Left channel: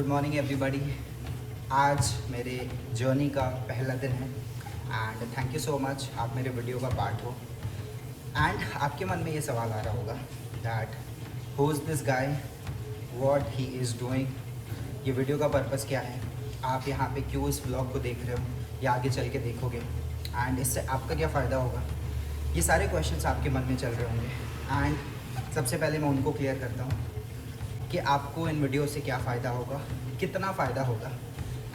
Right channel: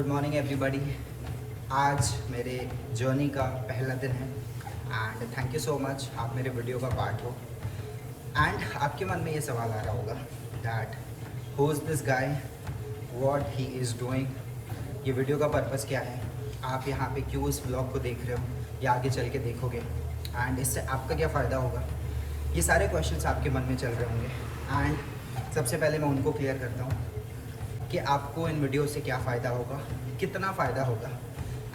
Good morning everybody. आज मेरे journey का पहला दिन है and thank you so much आप मेरे वीडियो का पार्ट हो। एंड आपके मन में ये सवाल आ रहा होगा that who is this guy, what he is doing, ये वीडियो का पर्पस क्या है, आप यहाँ पे क्यों इस ब्लॉग को देख रहे हो या आगे चल के देखोगे एंड इससे आपका क्या फ़ायदा होगा। ये सारे क्वेश्चंस आपके मन में चल रहे होंगे एंड सबसे पहले मैं उनको क्लियर करता हूँ कि आपको इन वीडियो से क्या फ़ायदा होगा, कितना फ़ायदा होगा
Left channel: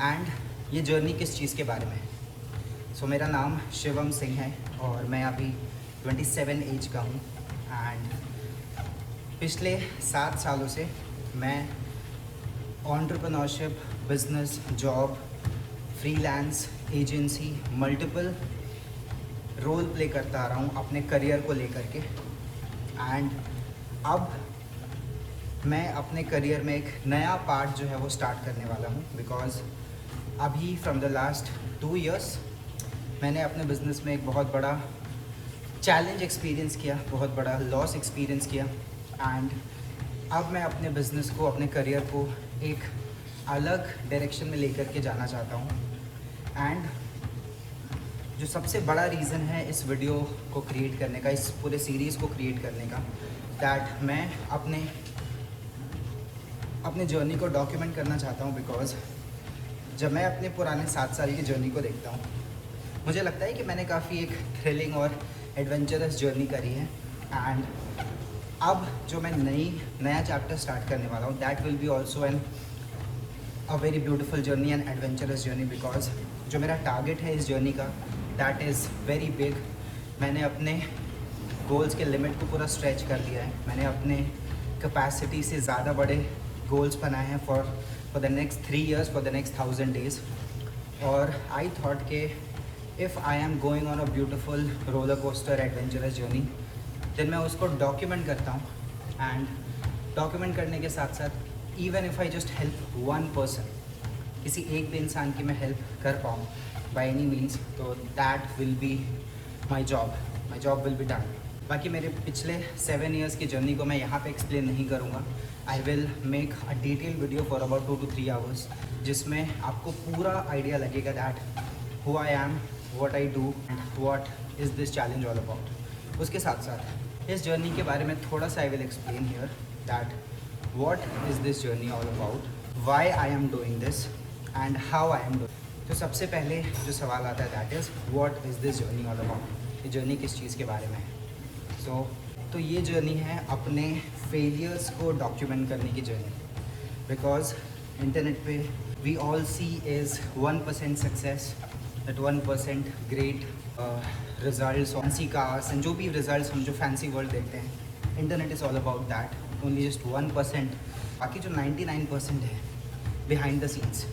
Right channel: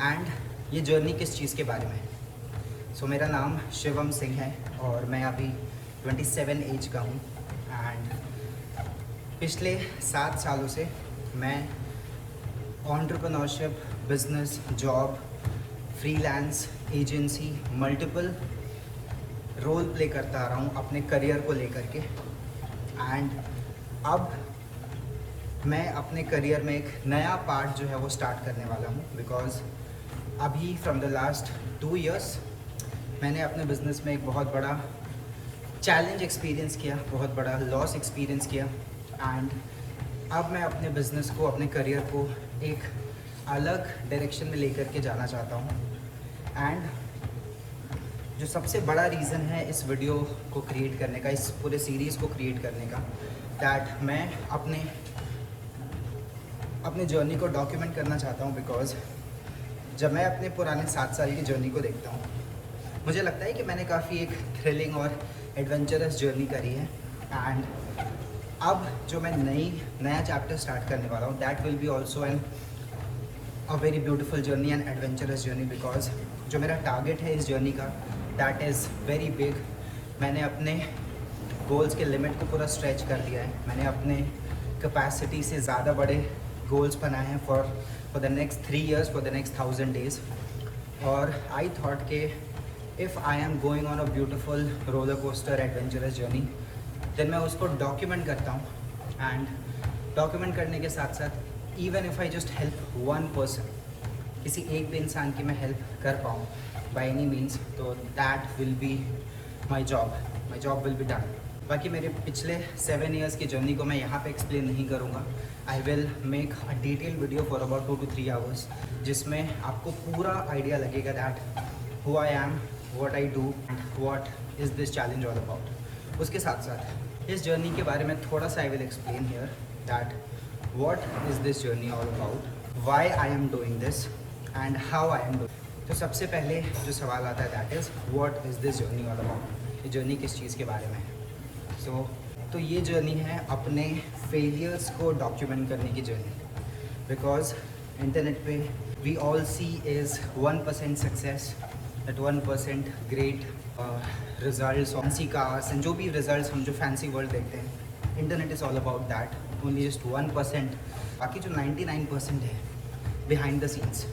एंड ये जर्नी किस चीज़ के बारे में है। सो मेरा नाम शिवम सिंह है और मैं अभी 27 एज का हूँ एंड पिछले 7 सालों से मैं entrepreneurship, business, job, freelance, agency, multiple role play करता आ रहा हूँ अपने करियर को लेकर के। एंड अब मैं अपने करियर में एक नया पार्ट जो है वो स्टार्ट करने वाला हूँ बिकॉज़ अभी फ्रॉम द लास्ट 2 इयर्स मैंने अपने बिज़नेस में एक बहुत बड़ा चैलेंज एक्सपीरियंस किया, बहुत बड़ा लॉस एक्सपीरियंस किया एंड अब मैं अपने बिज़नेस को, अपने करियर को एक अलग डायरेक्शन में लेकर के जाना चाहता हूँ। एंड जो सबसे बड़ा रीज़न है इस वीडियो को क्रिएट करने का, इस पूरे सीरीज़ को क्रिएट करने का, दैट मैं अपने जर्नी को डॉक्यूमेंट करना चाहता हूँ बिकॉज़ जब मैं अपने पुराने 7 साल की जर्नी को देखता हूँ मुझे लगता है कि मैंने काफ़ी एक थ्रिलिंग और एडवेंचरस जर्नी करी है। एंड अब जो मैं नया चैप्टर स्टार्ट करने वाला हूँ that will B also a very beautiful journey and adventurous journey because जो मेरा टारगेट है इस जर्नी का दैट इज़ वेरी बिग। मैंने अपने गोल्स के लिमिट को पूरा स्ट्रेच कर दिया है। मैंने अपने कैपेसिटी से ज़्यादा बड़े गोल्स बनाए हैं for the next 3 years, for the next 1000 days। और आई थॉट के if I am going on a beautiful roller coaster adventurous journey then मैं उसको डॉक्यूमेंट करता हूँ। एंड डॉक्यूमेंट करने के साथ साथ even if I just help one person, किसी एक भी इंसान की मैं हेल्प कर पाऊँ बाय एनी मीन्स, तो that will be my job will be done. बाकी मेरे पिछले 7 years की जर्नी को मैं यहाँ पे एक्सप्लेन नहीं करूँगा। I will make a detail video for about 2 to 3 hours जिसमें आपको पूरा आइडिया लगेगा that who I am, what I do and what is this challenge all about. उसके साथ साथ इस जर्नी के बारे में थोड़ा सा I will explain here that what is this journey all about, why I am doing this and how I am doing. तो सबसे पहले जो सवाल आता है that is what is this journey all about. ये जर्नी किस चीज़ के बारे में है। तो ये जर्नी है अपने फेलियर्स को डॉक्यूमेंट करने की जर्नी बिकॉज इंटरनेट पे we all see is 1% success, that 1% great results, fancy cars and जो भी रिजल्ट्स हम जो फैंसी वर्ल्ड देखते हैं, internet is all about that, only just 1%। बाकी जो 99% है बिहाइंड द सीन्स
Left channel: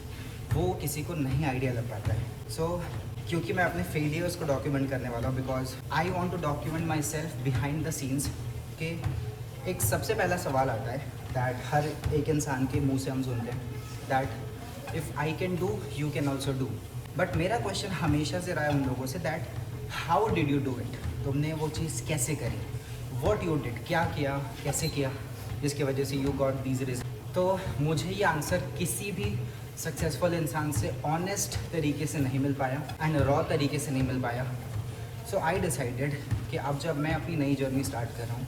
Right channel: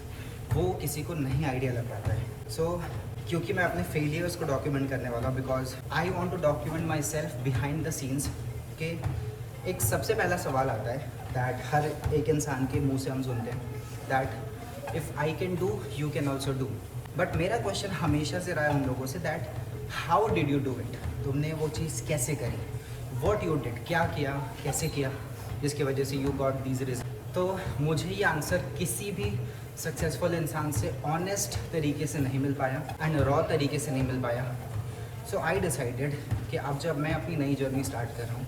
वो किसी को नहीं आइडिया लग पाता है। क्योंकि मैं अपने फेलियर्स को डॉक्यूमेंट करने वाला हूँ because I want to document myself behind the scenes के एक सबसे पहला सवाल आता है दैट हर एक इंसान के मुंह से हम सुनते हैं that if I can do you can also do. But मेरा क्वेश्चन हमेशा से रहा है उन लोगों say that how did you do it, तुमने वो चीज़ कैसे करी, वॉट यू डिड, क्या किया, कैसे किया जिसकी वजह से यू गॉट दीज रिजल्ट। तो मुझे ये आंसर किसी भी सक्सेसफुल इंसान से ऑनेस्ट तरीके से नहीं मिल पाया एंड रॉ तरीके से नहीं मिल पाया। सो आई डिसाइडेड कि अब जब मैं अपनी नई जर्नी स्टार्ट कर रहा हूँ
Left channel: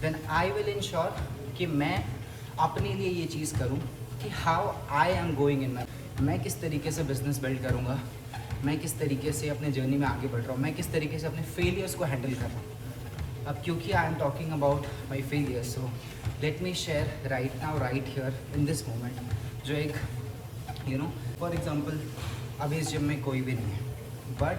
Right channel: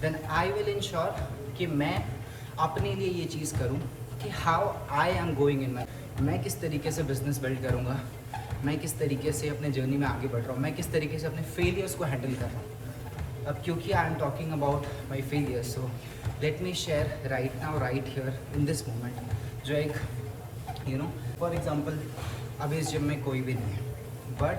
देन आई विल इंश्योर कि मैं अपने लिए ये चीज़ करूँ कि how I am going in मैं किस तरीके से बिज़नेस बिल्ड करूँगा, मैं किस तरीके से अपने जर्नी में आगे बढ़ रहा हूँ, मैं किस तरीके से अपने फेलियर्स को हैंडल कर रहा हूँ। अब क्योंकि I am talking about my failures so let me share right now right here in this moment जो एक फॉर एग्ज़ाम्पल अभी इस जिम में कोई भी नहीं है बट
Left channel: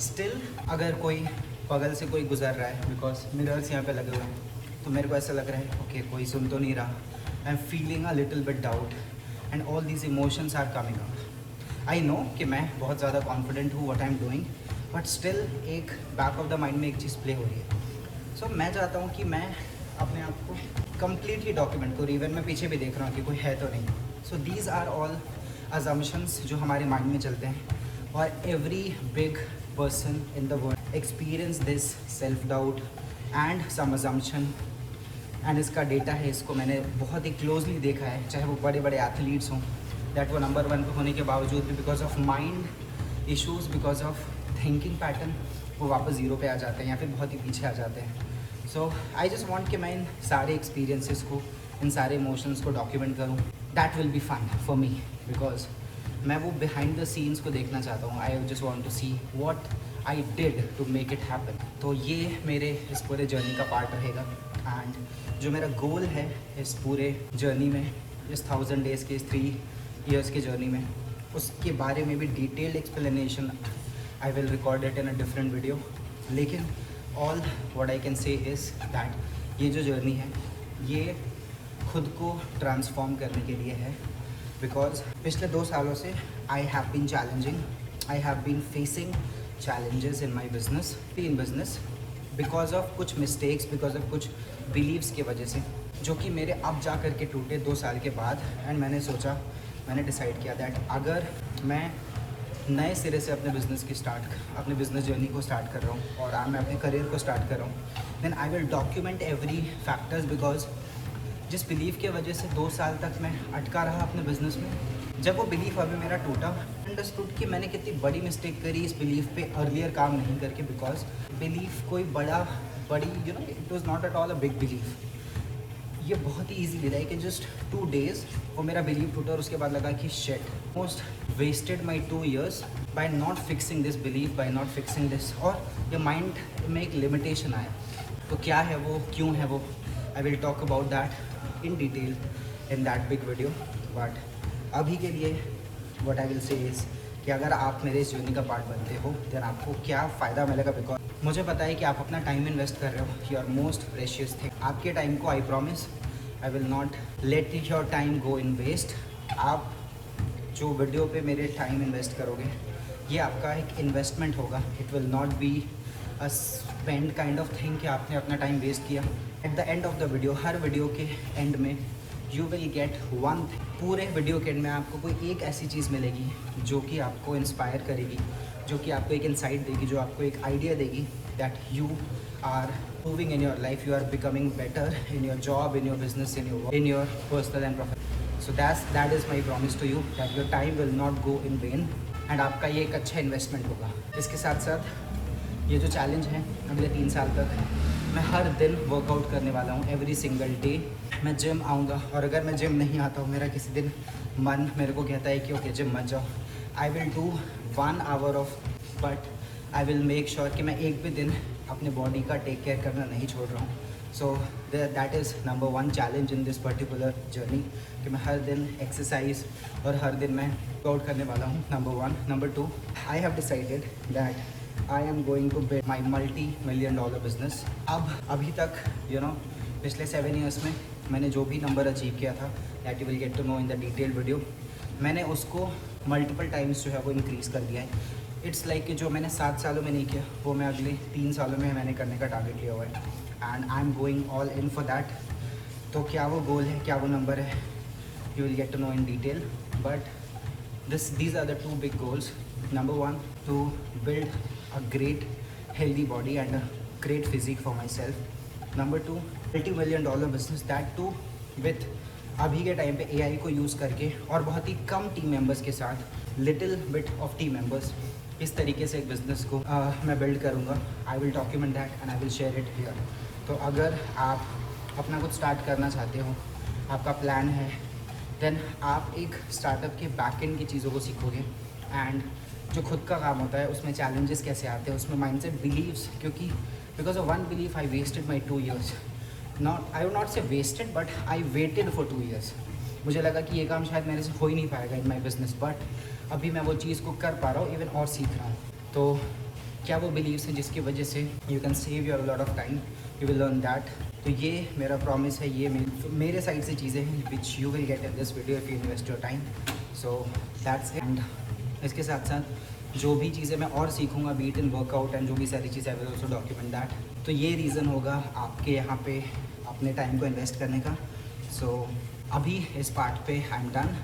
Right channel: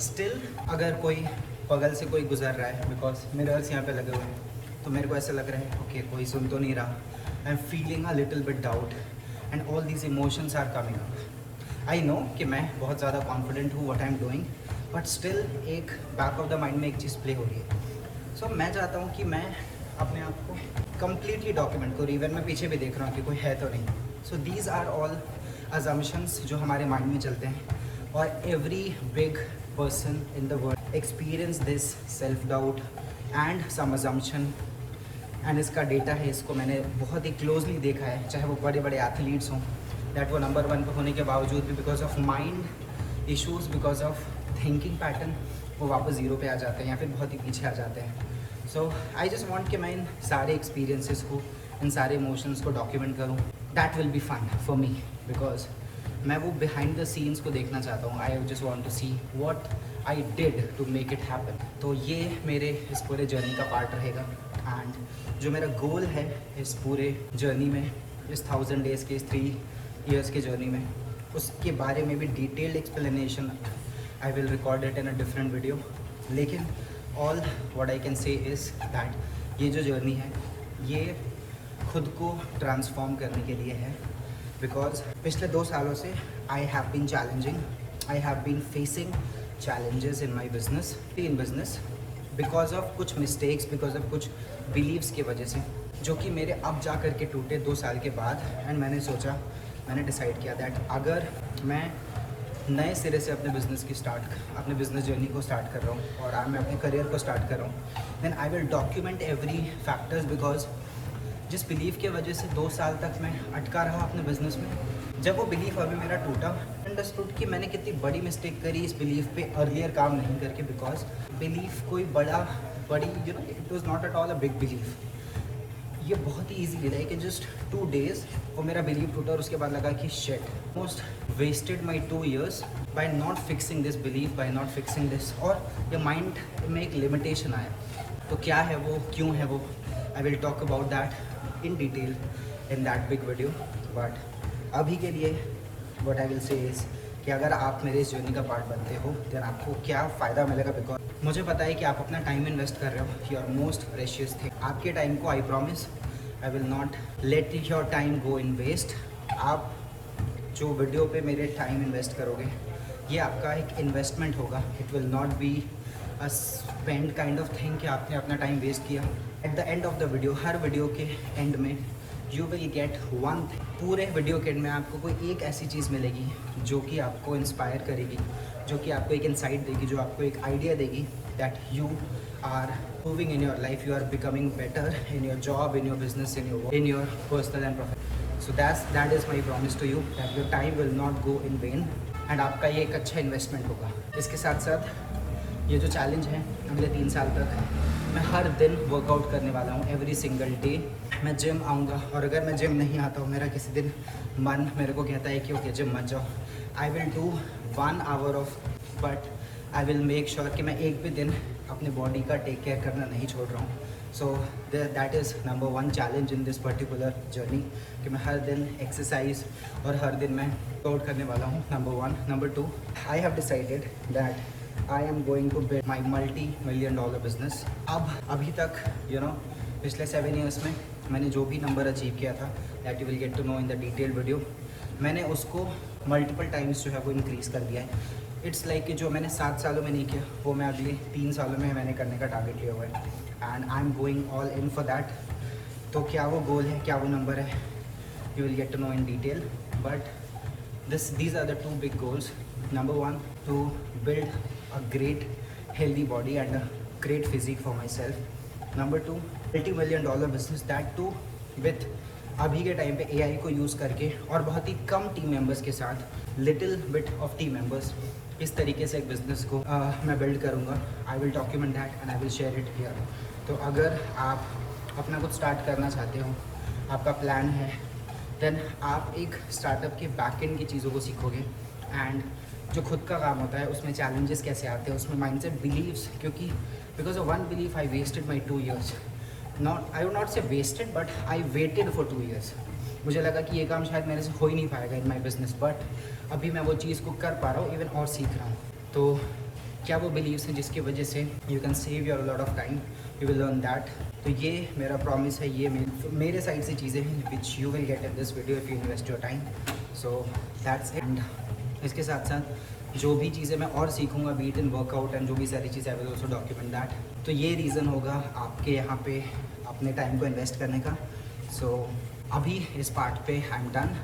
स्टिल अगर कोई बगल से कोई गुजर रहा है बिकॉज मिरर्स यहाँ पे लगे हुए हैं तो मेरे को ऐसा लग रहा है ओके कोई सुन तो नहीं रहा, I am feeling a little bit doubt and all these emotions are coming up. I know कि मैं बहुत ज़्यादा कॉन्फिडेंट हूँ what I am doing but still एक बैक ऑफ द माइंड में एक चीज़ प्ले हो रही है। सो मैं चाहता हूँ कि मैं अपने आप को कम्प्लीटली डॉक्यूमेंट करूँ, इवन मैं पीछे भी देख रहा हूँ कि कोई है तो नहीं। So these are all assumptions जो हमारे माइंड में चलते हैं और every big person in the world experience this self doubt and some assumption and इसका डेटा है, इसको मैंने बहुत ही क्लोजली देखा है, चाहे वो बड़े बड़े एथलीट्स हों दैट वो नंबर 1 पे होने के बावजूद भी because of mind issues, because of thinking pattern, वो वापस 0 पे आ जाते हैं या फिर बहुत ही पीछे आ जाते हैं। सो आई जस्ट वॉन्ट कि मैं इन सारे एक्सपीरियंसेस को, इन सारे इमोशंस को डॉक्यूमेंट करूँ। That will be fun for me because मैं वो बिहाइंड द सीन्स को देखना चाहता हूँ। I just want to see what I did to make it happen. तो ये मेरे इस पूरे जर्नी का पार्ट रहेगा। एंड जो मेरा गोल है इस पूरे जर्नी में, इस 1000 डेज़ के, इस 3 years के जर्नी में, उसके बारे में भी detailed explanation I will record it in a different video. लेकिन all what I can say is that ये जो जर्नी है ये खुद को ट्रांसफॉर्म करने के लिए है। बिकॉज पिछले 2 सालों से I have been challenging, I have been facing challenges in my business, in business because of कुछ mistakes, because of कुछ beliefs की वजह से, जो कि मेरे अब जा कर के टूटे 2 साल के बाद। एंड मैंने डिसाइड किया दैट अगर मैं नए सिरे से अपने बिज़नेस जर्नी को स्टार्ट कर रहा हूँ और आज मैं अपने करियर को स्टार्ट कर रहा हूँ, then I will document every factors. Because जिस बिलीव की वजह से 2 साल तक मैं अटका रहा अपने बिजनेस में, जब वो बिलीफ अभी मेरा टूटा, अंडरस्टूड कि मैंने कितनी बड़ी मिस्टेक करी इस बिलीफ पे अर्लियर काम नहीं करके। बिकॉज बिलीफ कोई बड़ी it was not at all a big belief. ये बहुत ही ईजी लाइक कि जस्ट 2 days और मेरा बिलीफ टूटा और उसके बाद लगा कि shit, most wasted my 2 years by not fixing this belief, by not fixing this. और ये माइंड में एक लिमिटेशन आया। तो क्या है वो, क्यों है वो, I will talk about that in detail in that big video. But अभी के लिए what I will say is कि अगर आप मेरे इस जर्नी का पार्ट बनते हो देन आपको क्या फ़ायदा मिलेगा। बिकॉज मुझे पता है कि आप अपना टाइम इन्वेस्ट कर रहे हो, योर मोस्ट प्रेशियस थिंग। आपके टाइम को I promise I will not let your time go in waste. आप जो वीडियो पे मेरे टाइम इन्वेस्ट करोगे ये आपका एक इन्वेस्टमेंट होगा। It will not be a spend kind of thing कि आपने अपना टाइम वेस्ट किया। At the end of the video, her video के एंड में you will get one thing. पूरे वीडियो के एंड में आपको कोई एक ऐसी चीज़ मिलेगी जो कि आपको इंस्पायर करेगी, जो कि आपको एक इंसाइट देगी, जो आपको एक आइडिया देगी that you are moving in your life, you are becoming better in your job, in your business, in your personal and professional. So that is my promise to you that your time will not go in vain and आपका ये एक अच्छा investment होगा। इसके साथ साथ ये जो चैलेंज है अगले 3 साल तक मैं हर दिन वर्कआउट करने वाला हूँ। एवरी सिंगल डे मैं जिम आऊँगा। और अगर मैं जिम नहीं आता हूँ, मेरा किसी दिन मन मेरे को कहता है कि ओके जिम मत जाओ, I will do 1 hour of, but I will make sure कि मैं एक भी दिन अपने बॉडी का टेक केयर करना नहीं छोड़ रहा हूँ। सो that is number 1 challenge in this particular journey कि मैं हर दिन एक्सरसाइज और हर दिन मैं वर्कआउट करने वाला हूँ, number 1। Number 2, I have decided that I am going to build my $multi-million business. अभी तक पिछले 7 years में मैंने जो भी नंबर अचीव किया था that you will get to know in the detail video, मैंने उसको मल्टीपल टाइम्स जो है वो इंक्रीज़ कर दिया है। इट्स लाइक कि जो मैंने 7 सालों में नहीं किया वो मैं अगले 3 सालों में मैंने करने का टारगेट लिया हुआ है। And I am going all in for that. तो क्या वो गोल है, क्या वो नंबर है, you will get to know in detail. But these are the 2 big goals. Number 1, to build a great healthy body and a great physique for myself. Number 2, $multi-million business, that too with अभी के time पे AI को use करके और बहुत ही कम team members के साथ, little bit of team members, इस तरीके से एक बिज़नेस को मैं बिल्ड करूँगा। आई will document that and I will share it here. तो अगर आप अपना कुछ स्टार्ट करना चाहते हो, आपका प्लान है, देन आप एक स्टार्टअप के बैक एंड की चीज़ों को सीखोगे। एंड जो खुद का काम होता है उसमें चैलेंजेस कैसे आते हैं, उसमें माइंडसेट, बिलीव्स, क्योंकि because of 1 belief I wasted my 2 years। I would not say wasted but I waited for 2 years। मुझे लगा कि ये काम शायद मेरे से हो ही नहीं पाएगा इन माई बिजनेस, बट अभी मैं वो चीज़ को कर पा रहा हूँ इवन और सीख रहा हूँ। तो क्या वो बिलीव्स हैं जिसकी वजह से you can save your lot of time, you will learn that. तो ये मेरा प्रॉमिस है, ये मेरे साइड से चीज़ें हैं विच you will get in this video if you invest your time. So that's it. And इसके साथ साथ जो भी चीज़ें मैं और सीखूंगा, बीट इन वर्कआउट एंड जो भी सारी चीज़ें I will also document that. तो ये रीज़न होगा आपके यहाँ पे अपने टाइम को इन्वेस्ट करने का। सो अभी इस पार्ट पे आई एम डन।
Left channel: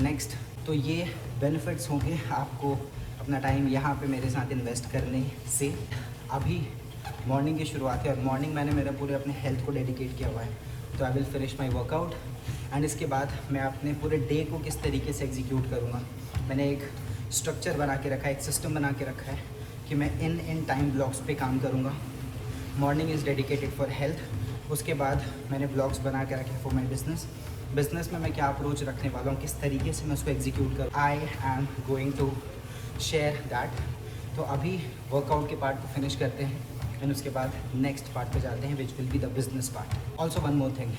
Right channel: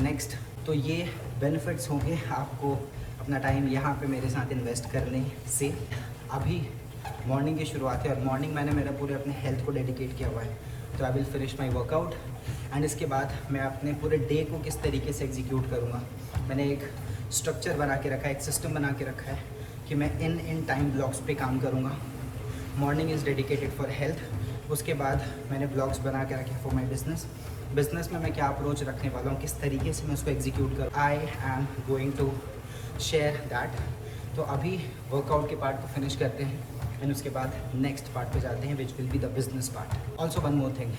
नेक्स्ट तो ये बेनिफिट्स होंगे आपको अपना टाइम यहाँ पे मेरे साथ इन्वेस्ट करने से। अभी मॉर्निंग की शुरुआत है और मॉर्निंग मैंने मेरा पूरे अपने हेल्थ को डेडिकेट किया हुआ है। तो I will finish my workout and इसके बाद मैं अपने पूरे डे को किस तरीके से एग्जीक्यूट करूँगा। मैंने एक स्ट्रक्चर बना के रखा है, एक सिस्टम बना के रखा है कि मैं इन टाइम ब्लॉक्स पे काम करूँगा। Morning is dedicated for health. उसके बाद मैंने ब्लॉग्स बना के रखे फॉर माई बिज़नेस में मैं क्या अप्रोच रखने वाला हूँ, किस तरीके से मैं उसको एग्जीक्यूट करूँ। I am going to share that. तो अभी वर्कआउट के पार्ट को फिनिश करते हैं एंड उसके बाद नेक्स्ट पार्ट पे जाते हैं which will be the business part. Also one more thing,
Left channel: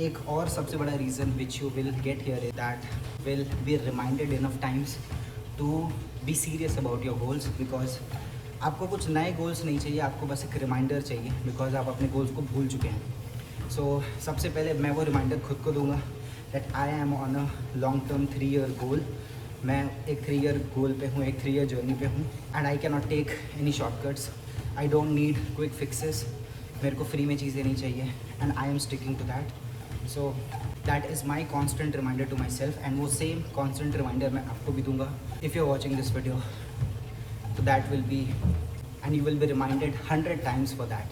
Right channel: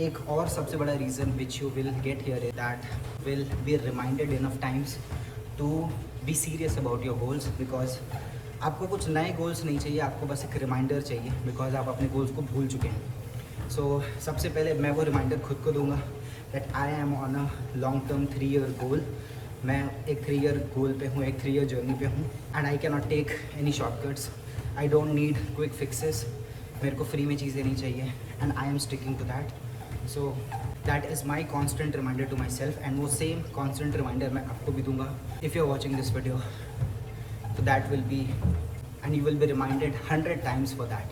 एक और सबसे बड़ा reason which you will get here is that will be reminded enough times to be serious about your goals. Because आपको कुछ नए गोल्स नहीं चाहिए, आपको बस एक रिमाइंडर चाहिए बिकॉज आप अपने गोल्स को भूल चुके हैं। सो सबसे पहले मैं वो रिमाइंडर खुद को दूंगा that I M on a long term 3 year goal. मैं एक 3 ईयर गोल पे हूँ, एक 3 ईयर जर्नी पे हूँ and I can not take any shortcuts. I don't need quick fixes. मेरे को फ्री में चीज़ें नहीं चाहिए and I am sticking to that. So that is my constant reminder to myself and वो same constant reminder मैं आपको भी दूंगा if you are watching this video. So that will be, and you will be reminded 100 times for that.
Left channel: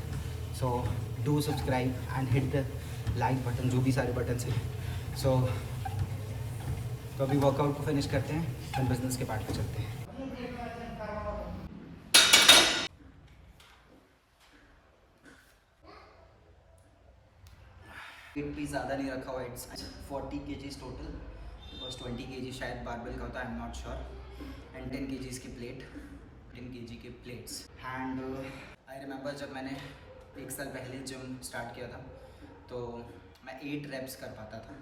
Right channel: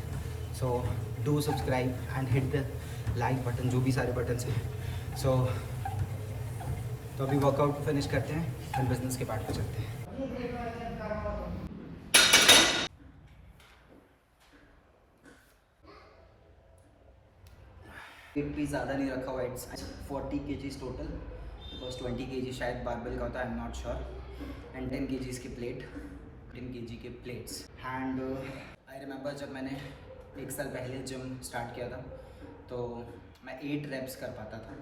So do subscribe and hit the like button, जो भी सारे button हैं। So तो अभी वर्कआउट को फिनिश करते हैं और बिजनेस के पार्ट पे चलते हैं। वेट भी ज़्यादा नहीं रखा हुआ, इट्स 40 kgs टोटल। बस 20 kg शायद बारबेल का होता है, I am not sure, and 10 kgs की प्लेट, 10 kg के प्लेट्स। एंड आई रिमेंबर जब मैंने 1 साल पहले जिम स्टार्ट किया था तो मैं 8 रेप्स कर पाता था,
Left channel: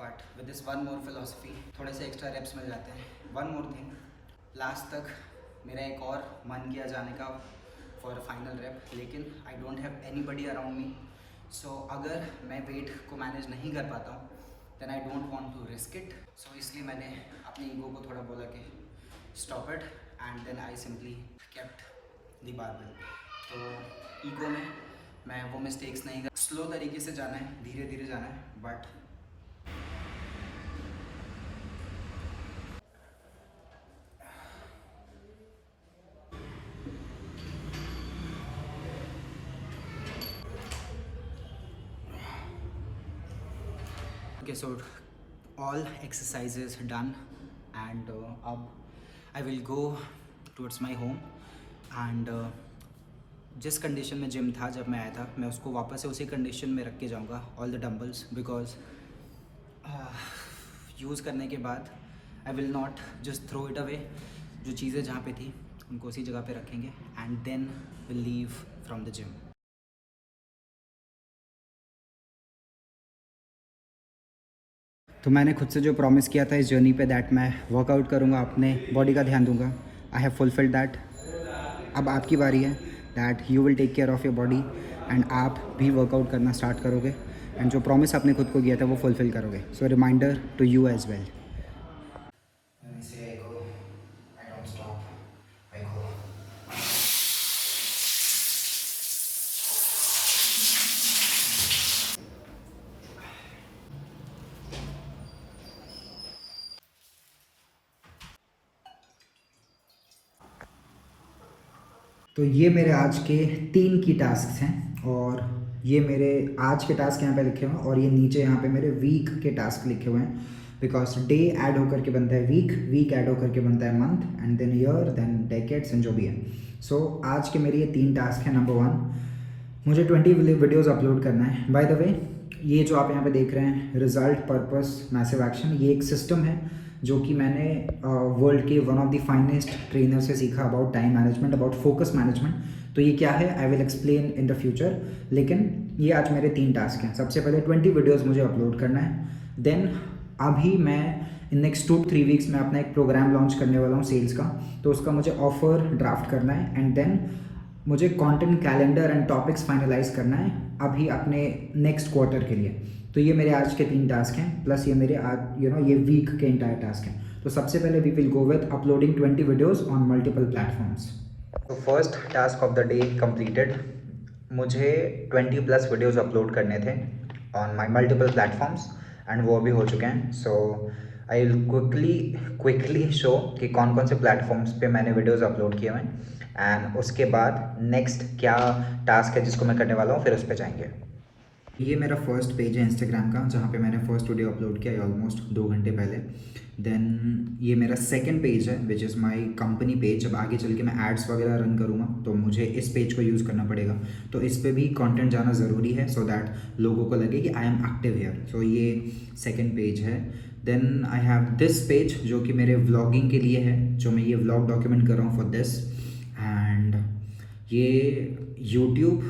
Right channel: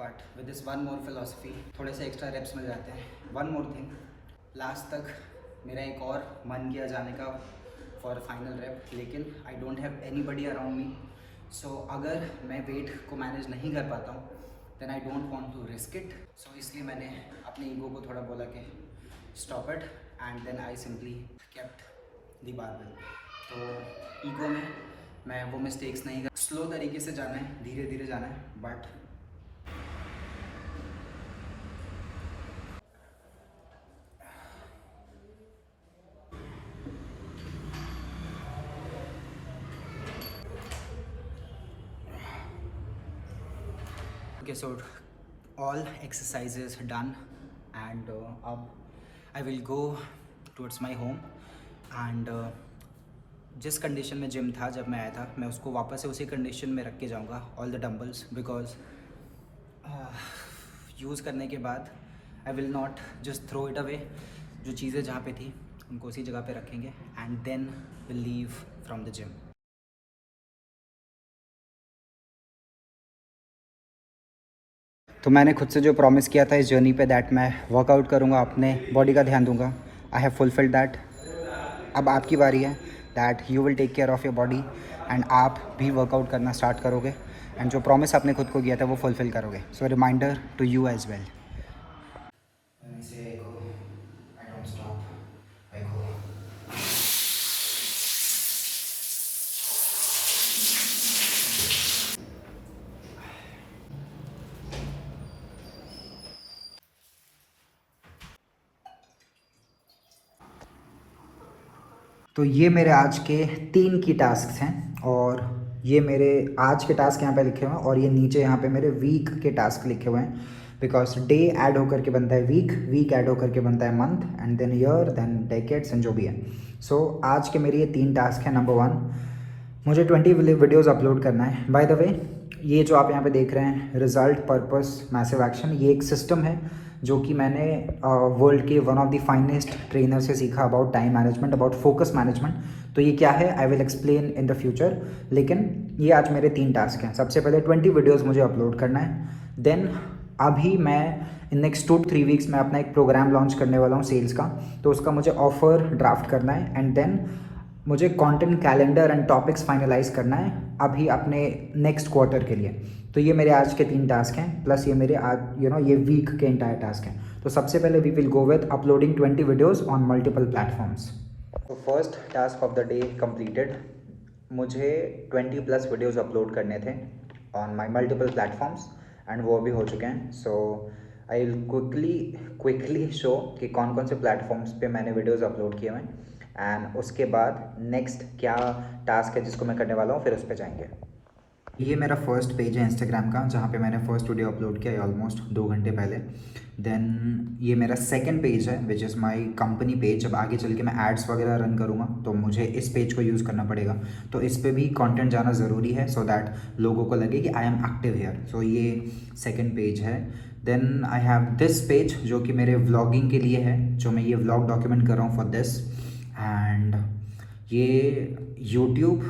but with this one more philosophy थोड़े से एक्स्ट्रा रेप्स मिल जाते हैं। वन मोर थिंग, लास्ट तक मेरा एक और मन किया जाने का फॉर फाइनल रेप, लेकिन I don't have anybody around me. So अगर मैं वेट को मैनेज नहीं कर पाता हूँ then I don't want to risk it. So इसलिए मैंने अपने ईगो को थोड़ा बोला कि stop it and then I simply kept the barbell. तो ईगो में मैं वो मिस्टेक्स नहीं कर, स्लो तरीके से जाना है, धीरे धीरे जाना है, but okay, so all exercises done and अब I will go towards my home and जिस कंडीशन में जिम था जब मैं आया था मैं उसको वापस से उसी कंडीशन में रख के जाऊँगा, all the dumbbells, because use करने के बाद I will not just throw it away. जो चीज़ें जहाँ पे थी उनको उसी जगह पे रखेंगे and then will leave from the gym. तो मैंने खुद से जो प्रॉमिस किया था इस जर्नी पे दैट मैं वर्कआउट करूँगा, अपने बॉडी का ध्यान दूँगा, आई हैव फुलफिल्ड दैट। अब आपकी बारी है that you will take care of your body and आप भी वर्कआउट करना स्टार्ट करोगे एंड जो प्रॉमिस आपने खुद को किया था वो फुलफिल करोगे। So reminder to you as well. तो ये मेरे आज के 3 की टास्क हैं और ये मेरे आज के टास्क यहाँ पे लिखे हुए हैं और ये नीचे यहाँ पे मेरे वीक के टास्क लिखे हुए हैं, बिकॉज डे ऐड होकर के बनता है वीक, वीक ऐड होकर के बनता है month and then year then decades and जो भी है। सो आज के मेरे ये 3 टास्क हैं। नंबर 1, मुझे 20 वीडियोज़ अपलोड करना है। बाय द वे ये जो आप यहाँ पे देख रहे हैं रिजल्ट पर्पस मैसिव एक्शन, ये एक सिस्टम है जो कि मैंने वर्ल्ड के one of the finest trainer से सीखा about time management, about focus management. तो ये क्या है I will explain in the future, लेकिन ये आज मेरे 3 टास्क हैं। सबसे पहले 20 वीडियोज़ मुझे अपलोड करना है। देन अभी मैं इन नेक्स्ट 2-3 वीक्स में अपना एक प्रोग्राम लॉन्च करने वाला हूँ सेल्स का, तो उसका मुझे ऑफर ड्राफ्ट करना है एंड देन मुझे content calendar and topics finalize करना है अभी अपने नेक्स्ट क्वार्टर के लिए। तो ये मेरे आज के 3 टास्क हैं, प्लस ये मेरे आज ये वीक के इंटायर टास्क हैं। तो सबसे पहले we will go with uploading 20 videos on multiple platforms. तो first task of the day completed. मुझे 20+ वीडियोज़ अपलोड करने थे on my multiple platforms and वो अभी हो चुके हैं। So I will quickly show कि कौन कौन से प्लेटफॉर्म्स पे मैंने वीडियोज़ अपलोड किए हुए हैं एंड उसके बाद नेक्स्ट क्या टास्क है जिसको मैं करने वाला हूँ, फिर उस पर जाएंगे। ये मेरा फर्स्ट पेज है इंस्टाग्राम का, जहाँ पे मैंने फर्स्ट वीडियो अपलोड किया है ऑलमोस्ट 2 घंटे पहले। देन ये मेरा सेकंड पेज है which is my company page. जब आगे चल के मैं एड्स वगैरह रन करूँगा तो मुझे इस पेज को यूज़ करना पड़ेगा, तो इस पे भी कंटेंट जाना ज़रूरी है सो दैट लोगों को लगे कि आई एम एक्टिव हेयर। सो ये सेकंड पेज है। Then I have this page जो कि मेरे व्लॉगिंग के लिए है, जो मैं ये व्लॉग डॉक्यूमेंट कर रहा हूँ फॉर दिस। एंड ये यूट्यूब,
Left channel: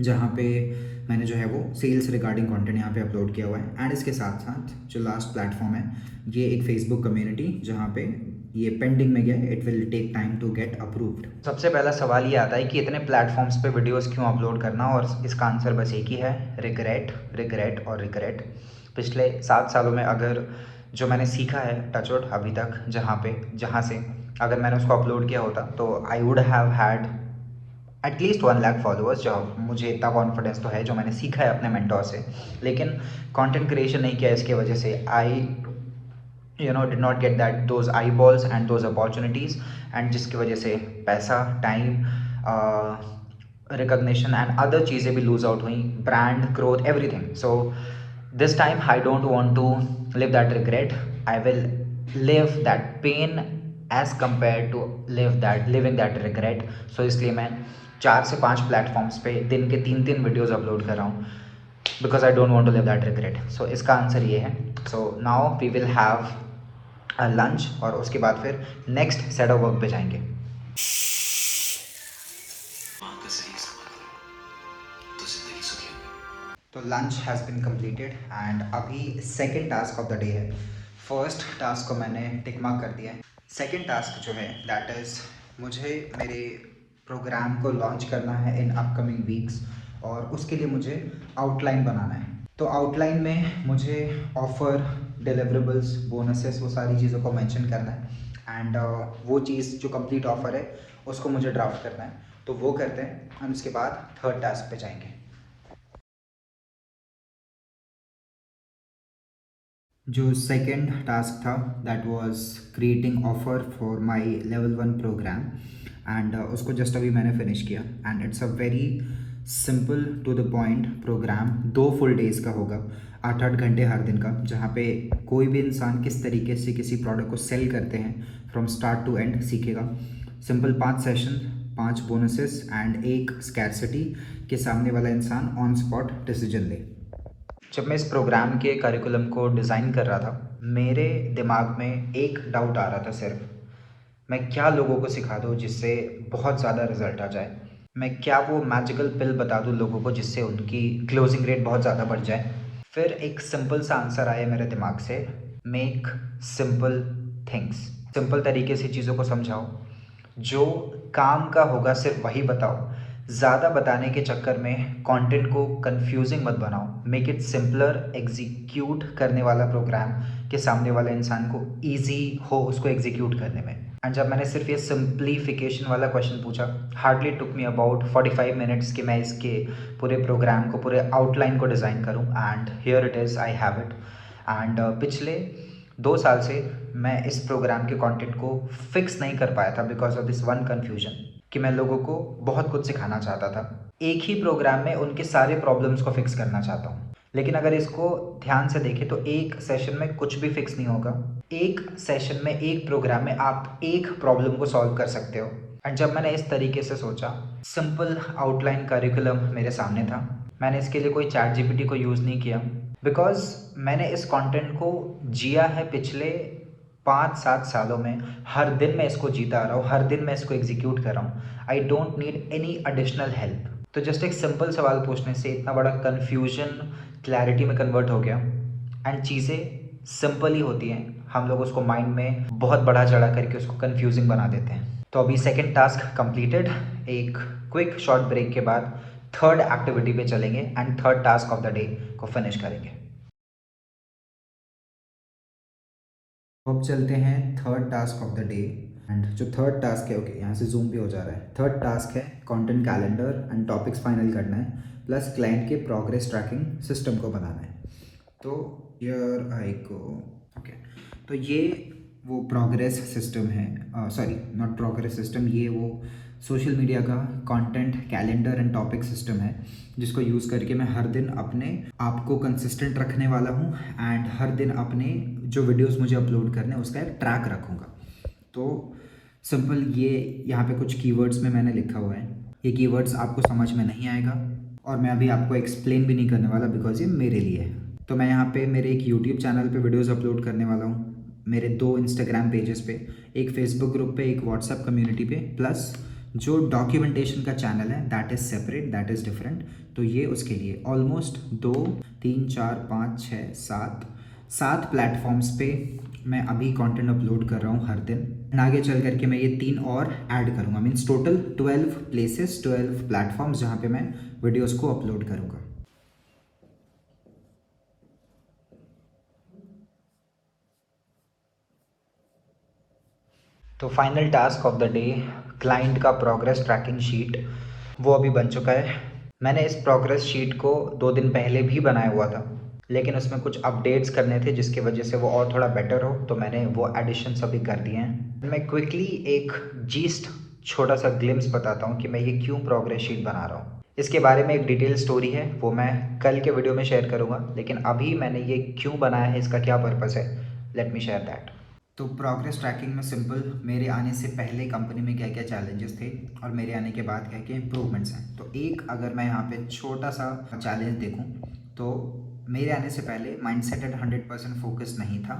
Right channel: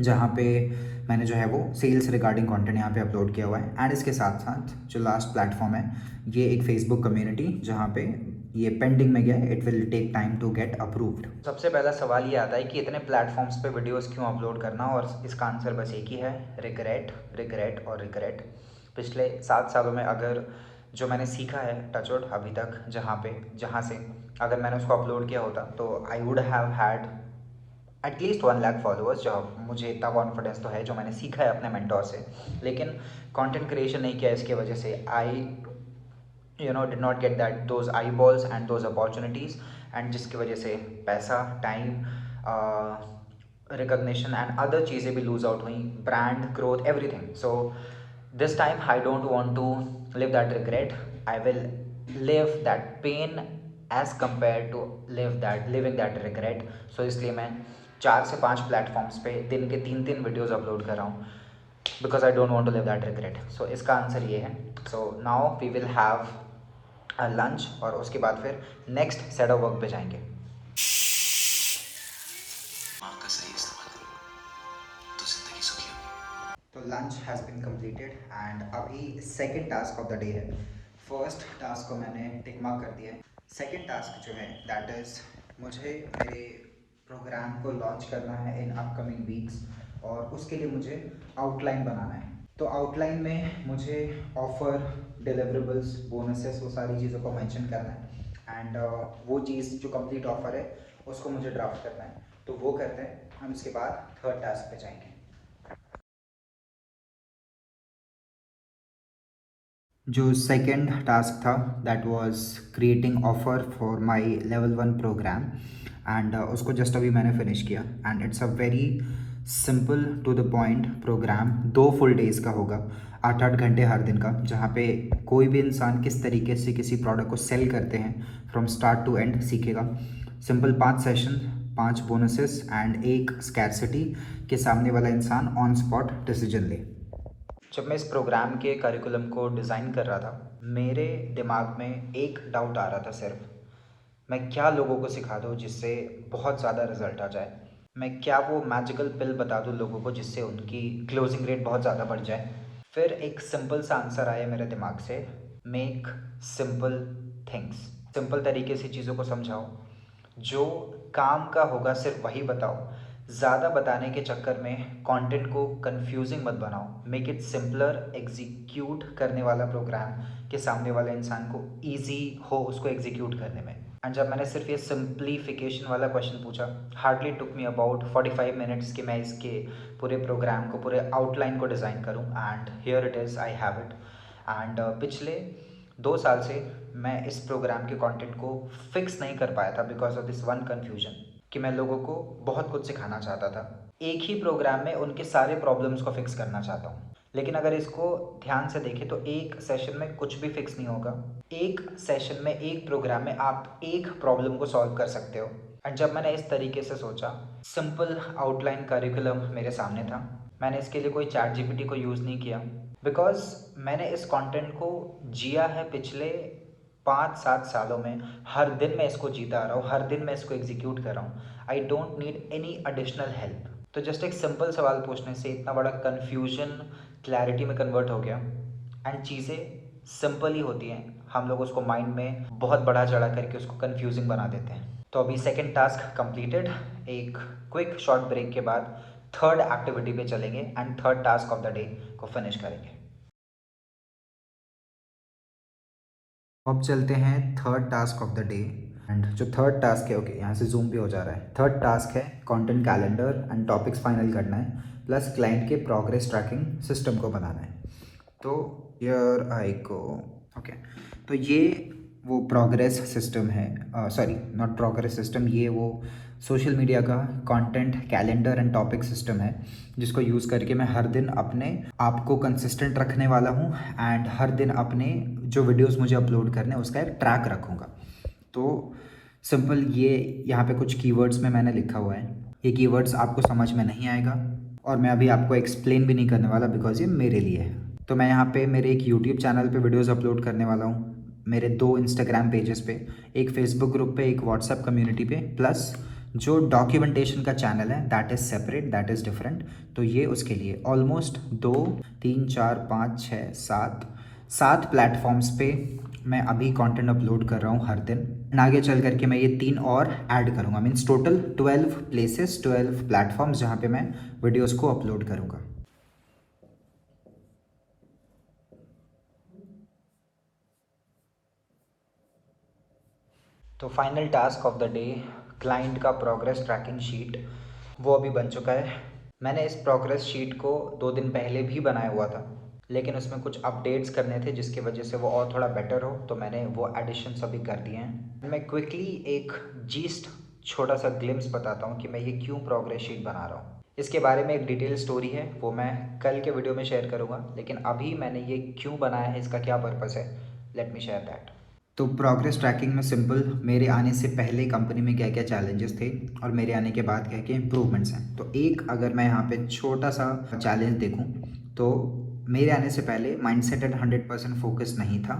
जहाँ पे मैंने जो है वो सेल्स रिगार्डिंग कंटेंट यहाँ पे अपलोड किया हुआ है। एंड इसके साथ साथ जो लास्ट प्लेटफॉर्म है, ये एक फेसबुक कम्युनिटी जहाँ पे ये पेंडिंग में गया है, it will take time to get approved. सबसे पहला सवाल ये आता है कि इतने प्लेटफॉर्म्स पे वीडियोस क्यों अपलोड करना, और इसका आंसर बस एक ही है, रिग्रेट, रिग्रेट और रिग्रेट। पिछले 7 सालों में अगर जो मैंने सीखा है टचवुड अभी तक, जहाँ से अगर मैंने उसको अपलोड किया होता तो I would have had at least 1 lakh followers. जो मुझे इतना कॉन्फिडेंस तो है जो मैंने सीखा है अपने मेंटोर से, लेकिन कंटेंट क्रिएशन नहीं किया इसके वजह से I did not get that those I balls and those opportunities, and जिसकी वजह से पैसा, टाइम, रिकग्निशन एंड अदर चीज़ें भी लूज आउट हुई, brand growth, everything. So this time I don't want to live that regret, I will live that pain as compare to living that regret. So इसलिए मैं 4 से 5 platforms पे दिन के 3-3 videos upload कर रहा हूँ, because I don't want to live that regret. So इसका आंसर ये है। So now we will have a lunch, और उसके बाद फिर नेक्स्ट सेट ऑफ वर्क पे जाएंगे। तो lunch has been completed and अभी second task of the day है। फर्स्ट टास्क को मैंने टिक मार्क कर दिया है। सेकेंड टास्क जो है दैट इज़, मुझे मेरे प्रोग्राम को लॉन्च करना है इन अपकमिंग वीक्स, और उसके लिए मुझे आउटलाइन बनाना है। तो आउटलाइन में मुझे ऑफ़र, डिलीवरेबल्स, बोनसेस, वो सारी चीज़ों को मेंशन करना है। एंड वो चीज़ जो कंप्लीट ऑफ़र है उसको मुझे ड्राफ्ट करना है, तो वो करते हैं। हम उसके बाद थर्ड टास्क पे जाएंगे। जो सेकंड टास्क था that was creating offer for my level 1 program, and उसको जस्ट अभी मैंने फिनिश किया। And it's a very simple to the point program. 2 full days का होगा, 8-8 घंटे हर दिन का, जहाँ पे कोई भी इंसान किस तरीके से किसी प्रोडक्ट को सेल करते हैं फ्रॉम स्टार्ट टू एंड सीखेगा। सिंपल 5 सेशन, 5 बोनसेस एंड एक स्कैरसिटी के सामने वाला इंसान ऑन स्पॉट डिसीजन ले। जब मैं इस प्रोग्राम के करिकुलम को डिज़ाइन कर रहा था, मेरे दिमाग में एक डाउट आ रहा था सिर्फ, मैं क्या लोगों को सिखा दूँ जिससे बहुत ज़्यादा रिजल्ट आ जाए। मैं क्या वो मैजिकल पिल बता दूँ लोगों को जिससे उनकी क्लोजिंग रेट बहुत ज़्यादा बढ़ जाए। फिर एक सिंपल सा आंसर आया मेरे दिमाग से, मेक सिंपल थिंग्स। सिंपल तरीके से चीज़ों को समझाओ, जो काम का होगा सिर्फ वही बताओ। ज़्यादा बताने के चक्कर में कंटेंट को कंफ्यूजिंग मत बनाओ। मेक इट सिंपलर, एग्जीक्यूट करने वाला प्रोग्राम कि सामने वाले इंसान को ईजी हो उसको एग्जीक्यूट करने में। एंड जब मैंने सिर्फ ये सिंप्लीफिकेशन वाला क्वेश्चन पूछा, hardly took me about 45 minutes कि मैं इसके पूरे प्रोग्राम को, पूरे आउटलाइन को डिज़ाइन करूँ। And here it is, I have it. And पिछले 2 साल से मैं इस प्रोग्राम के कंटेंट को फिक्स नहीं कर पाया था because of this one confusion, कि मैं लोगों को बहुत कुछ सिखाना चाहता था, एक ही प्रोग्राम में उनके सारे प्रॉब्लम्स को फिक्स करना चाहता हूँ। लेकिन अगर इसको ध्यान से देखें तो एक सेशन में कुछ भी फिक्स नहीं होगा। एक सेशन में, एक प्रोग्राम में आप एक प्रॉब्लम को सॉल्व कर सकते हो। एंड जब मैंने इस तरीके से सोचा, सिंपल आउटलाइन करिकुलम मेरे सामने था, मैंने इसके लिए कोई चैट जीपीटी को यूज़ नहीं किया, बिकॉज मैंने इस कंटेंट को जिया है पिछले 5-7 सालों में। हर दिन मैं इसको जीता आ रहा हूँ, हर दिन मैं इसको एग्जीक्यूट कर रहा हूँ। आई don't need any additional help. तो जस्ट एक सिंपल सवाल पूछने से इतना बड़ा कन्फ्यूजन क्लैरिटी में कन्वर्ट हो गया। एंड चीज़ें सिंपल ही होती हैं, हम लोग उसको माइंड में बहुत बड़ा चढ़ा करके उसको कन्फ्यूजिंग बना देते हैं। तो अभी सेकेंड टास्क कंप्लीटेड, एक क्विक शॉर्ट ब्रेक के बाद थर्ड एक्टिविटी पे चलेंगे and third task of the day को फिनिश करेंगे। अब चलते हैं third task of the day. And जो थर्ड टास्क है, ओके यहाँ से जूम भी हो जा रहा है। थर्ड टास्क है content calendar and topics final करना है, प्लस क्लाइंट के प्रोग्रेस ट्रैकिंग सिस्टम को बनाना है। तो हियर आई गो। ओके, तो ये वो प्रोग्रेस सिस्टम है, सॉरी नॉट प्रोग्रेस सिस्टम, ये वो सोशल मीडिया का content calendar and topic system है जिसको यूज़ करके मैं हर दिन अपने आप को कंसिस्टेंट रखने वाला हूँ एंड हर दिन अपने जो वीडियोस मुझे अपलोड करने हैं उसका एक ट्रैक रखूँगा। तो सिंपल ये यहाँ पे कुछ कीवर्ड्स में मैंने लिखा हुआ है, ये कीवर्ड्स आपको समझ में नहीं आएगा और मैं अभी आपको एक्सप्लेन भी नहीं करने वाला बिकॉज ये मेरे लिए है। तो मैं यहाँ पे मेरे एक यूट्यूब चैनल पे वीडियोस अपलोड करने वाला हूँ, मेरे 2 इंस्टाग्राम पेजेस पे, एक फेसबुक ग्रुप पे, एक व्हाट्सएप कम्युनिटी पे, प्लस जो डॉक्यूमेंटेशन का चैनल है that is separate, that is different. तो ये उसके लिए ऑलमोस्ट 2 3 4 5 6 7 प्लेटफॉर्म्स पे मैं अभी कंटेंट अपलोड कर रहा हूँ हर दिन एंड आगे चल करके मैं ये 3 और ऐड करूँगा, मीन्स टोटल 12 प्लेसेस, 12 प्लेटफॉर्म्स जहाँ पे मैं वीडियोज़ को अपलोड करूँगा। तो final task of the day, client का प्रोग्रेस ट्रैकिंग शीट वो अभी बन चुका है। मैंने इस प्रोग्रेस शीट को 2 दिन पहले भी बनाया हुआ था, लेकिन उसमें कुछ अपडेट्स करने थे जिसकी वजह से वो और थोड़ा बेटर हो, तो मैंने वो एडिशंस अभी कर दिए हैं। मैं क्विकली एक जीस्ट छोटा सा ग्लिम्स बताता हूँ कि मैं ये क्यों प्रोग्रेस शीट बना रहा हूँ। इसके बारे में एक डिटेल स्टोरी है, वो मैं कल के वीडियो में शेयर करूँगा, लेकिन अभी मैंने ये क्यों बनाया है, इसका क्या पर्पज़ है, लेट मी शेयर दैट। तो प्रोग्रेस ट्रैकिंग में सिंपल मेरे आने से पहले कंपनी में क्या क्या चैलेंजेस थे और मेरे आने के बाद क्या क्या इम्प्रूवमेंट्स हैं। तो एक अगर मैं यहाँ पे छोटा सा चैलेंज देखूँ तो मेरे आने से पहले माइंडसेट एट 100% फोकस नहीं था,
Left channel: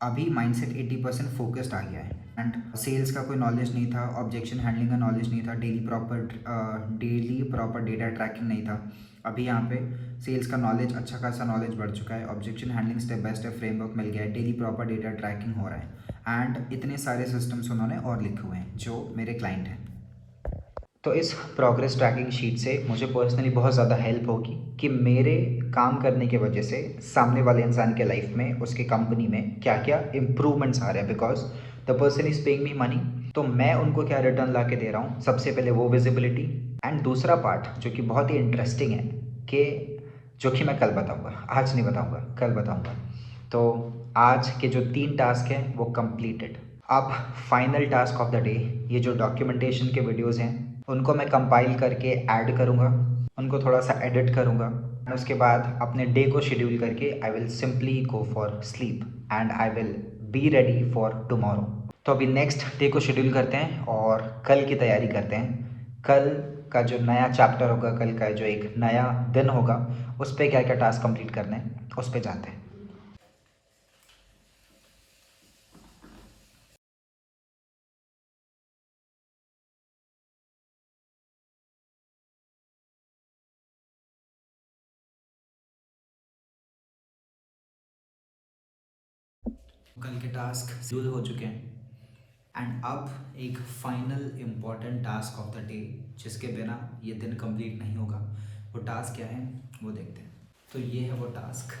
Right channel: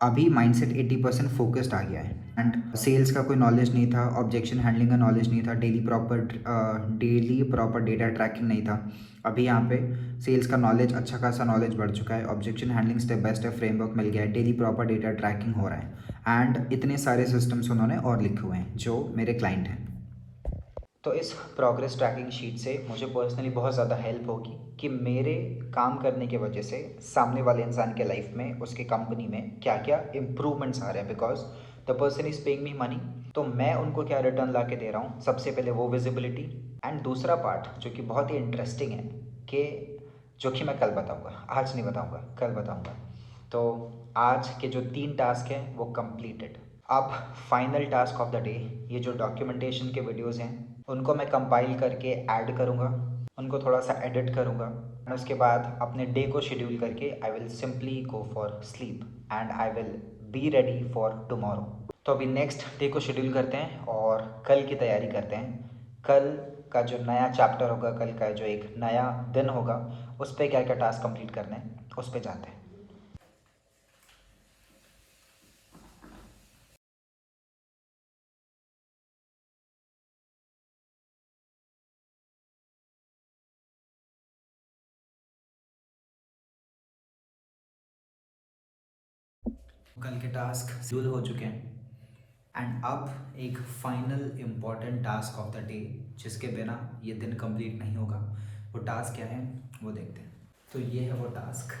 अभी माइंडसेट 80% फोकस्ड आ गया है एंड सेल्स का कोई नॉलेज नहीं था, ऑब्जेक्शन हैंडलिंग का नॉलेज नहीं था, डेली प्रॉपर डेटा ट्रैकिंग नहीं था। अभी यहाँ पे सेल्स का नॉलेज, अच्छा खासा नॉलेज बढ़ चुका है, objection handling step by step framework मिल गया है, डेली प्रॉपर डेटा ट्रैकिंग हो रहा है एंड इतने सारे सिस्टम्स उन्होंने और लिखे हुए हैं जो मेरे क्लाइंट हैं। तो इस प्रोग्रेस ट्रैकिंग शीट से मुझे पर्सनली बहुत ज़्यादा हेल्प होगी कि मेरे काम करने की वजह से सामने वाले इंसान के लाइफ में, उसके कंपनी में क्या क्या इम्प्रूवमेंट्स आ रहे हैं, because the person is paying me money. तो मैं उनको क्या रिटर्न ला के दे रहा हूँ, सबसे पहले वो विजिबिलिटी एंड दूसरा पार्ट जो कि बहुत ही इंटरेस्टिंग है कि जो कि मैं कल बताऊँगा, आज नहीं बताऊँगा, कल बताऊँगा। तो आज के जो 3 टास्क हैं वो कंप्लीटेड। अब final task of the day, ये जो डॉक्यूमेंटेशन के वीडियोस हैं उनको मैं कंपाइल करके ऐड करूँगा, उनको थोड़ा सा एडिट करूँगा और उसके बाद अपने डे को शेड्यूल करके I will simply go for sleep and I will be ready for tomorrow. तो अभी नेक्स्ट डे को शेड्यूल करते हैं और कल की तैयारी करते हैं। कल का जो नया चैप्टर होगा, कल का जो एक नया दिन होगा, उस पर क्या क्या टास्क कंप्लीट करने हैं उस पर जाते हैं। कल के टास्क शेड्यूल हो चुके हैं एंड अब एक final important task of the day जिसके बिना ये दिन कंप्लीट नहीं होगा। वो टास्क क्या है वो देखते हैं। तो ये है वो टास्क,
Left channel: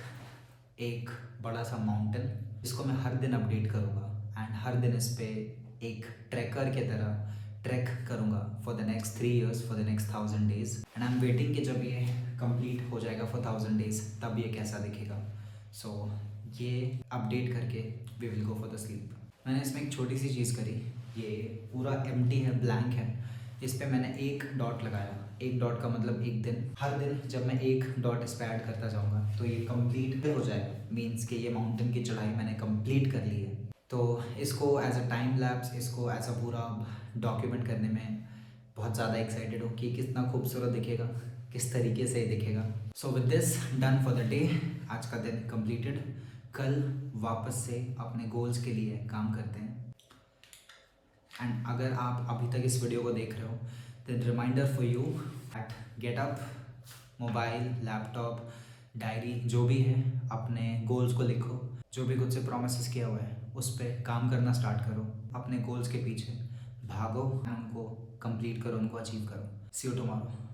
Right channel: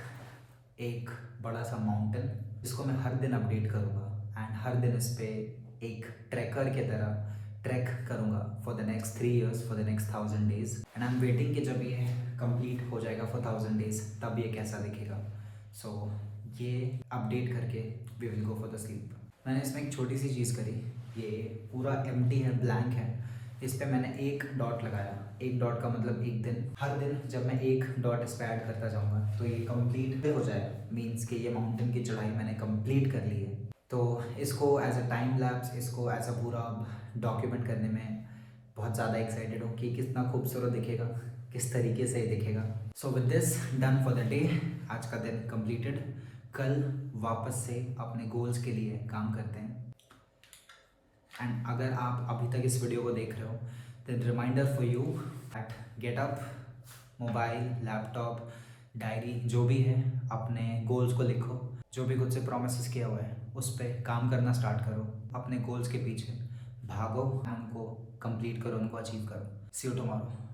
एक बड़ा सा माउंटेन जिसको मैं हर दिन अपडेट करूँगा एंड हर दिन इस पर एक ट्रैकर की तरह ट्रैक करूँगा for the next 3 years, for the next 1000 days and I am waiting कि जब ये कंप्लीट हो जाएगा फॉर 1000 days तब ये कैसा दिखेगा। सो ये अपडेट करके we will go for the sleep. मैंने इसमें एक छोटी सी चीज़ करी, ये पूरा एम्प्टी है, ब्लैंक है, इस पर मैंने एक डॉट लगाया। एक डॉट का मतलब एक दिन, हर दिन जब मैं एक डॉट इस पर ऐड करता जाऊँगा तो ये कंप्लीट हो जाएगा, मीन्स कि ये माउंटेन की चढ़ाई मैंने कंप्लीट कर ली है। तो इसको एज अ टाइम लैप्स, इसको एज अ पूरा डॉक्यूमेंट करने में बहुत ज़्यादा एक्साइटेड हूँ कि कितना खूबसूरत दिखेगा, किस तरीके से ही दिखेगा। So with this done for the day, आज का दिन कंप्लीटेड। कल वापस से अपने गोल्स के लिए काम करते हैं एंड अगर आप अभी तक इस वीडियो को देख रहे हो then reminder for you at get up, mobile, laptop, diary, जो भी है, अपने गोल्स को लिखो, जो भी खुद से प्रोमिस किया हुआ है उस पर काम करना स्टार्ट करो, अपने गोल्स के पीछे भागो, उनको कंप्लीट करो, उनको अचीव करो। सी यू टुमारो।